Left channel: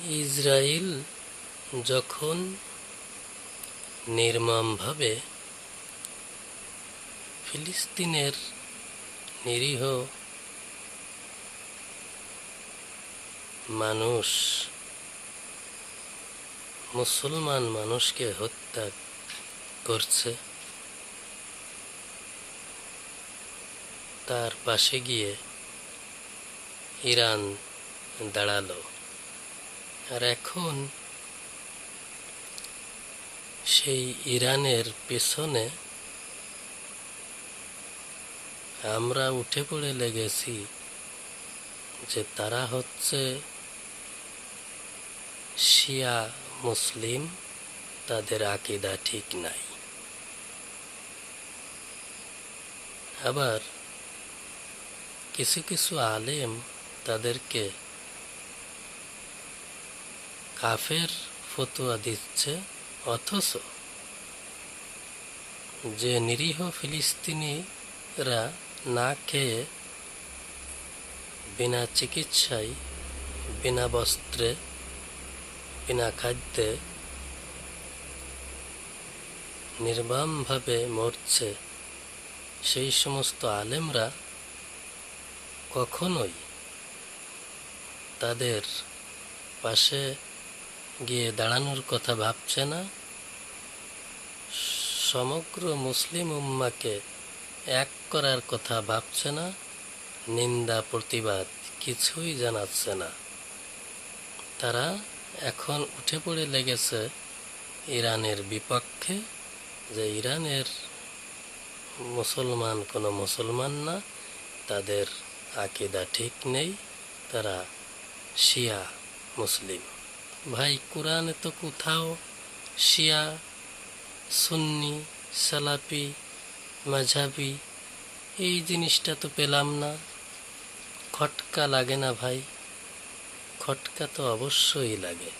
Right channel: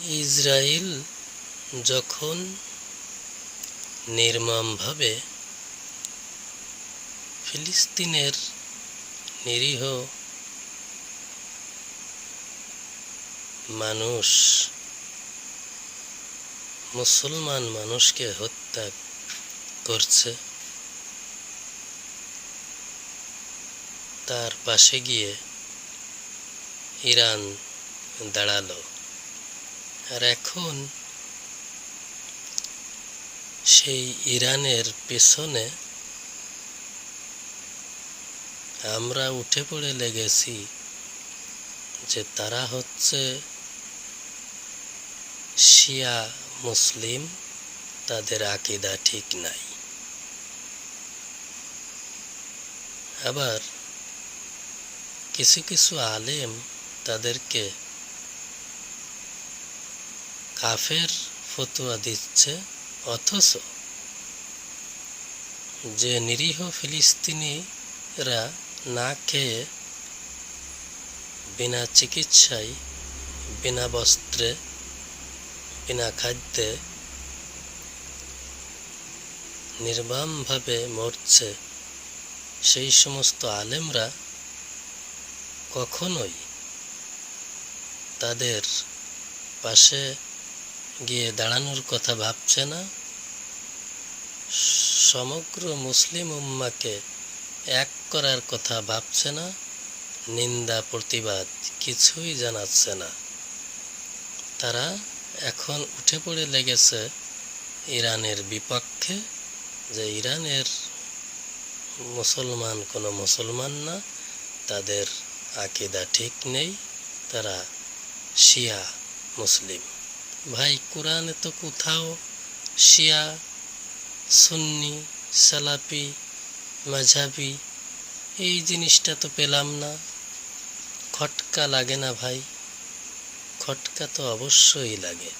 Israel যখন নির্মমভাবে ফিলিস্তিনের নিরীহ মানুষ, মুসলমান মানুষকে হত্যা করছে, তার পাশে গিয়ে ইরান দাঁড়ালো। আর এখন সেই ইরানের পেছনে আমরা উঠে পড়ে লেগেছি যে তারা হচ্ছে শিয়া মুসলিম, তাদের আকীদা ঠিক নাই। আবার কিছু কিছু আলেম তাদেরকে কাফের ফতোয়া দিচ্ছে, অথচ যে নিরীহ ফিলিস্তিনিরা না খেয়ে, বিনা চিকিৎসায়, বিনা বস্ত্রে, বিনা খাদ্যে নির্মমভাবে মরছে, সেই সমস্ত আলেমরা কখনোই তাদের পাশে গিয়ে দাঁড়ানোর কথা ভাবছে না, সমগ্র মুসলিম উম্মাকে এক করার কথা ভাবছে না, নিন্দা প্রতিবাদ কিছুই জানাচ্ছে না। তারা এখন উঠে পড়ে লেগেছে ইরানের বিপক্ষে, যে ইরানের মুসলমান কোনো মুসলমান না, তাদের আকীদা ঠিক নেই, তারা শিয়া মুসলিম। ভাই, কোরআনে তো কোথাও শিয়া, সুন্নি, সালাফি, মাঝহাবি এই জিনিসটা তো পেলাম না। খটকা লাগে না ভাই? খটকা তো অবশ্যই লাগে।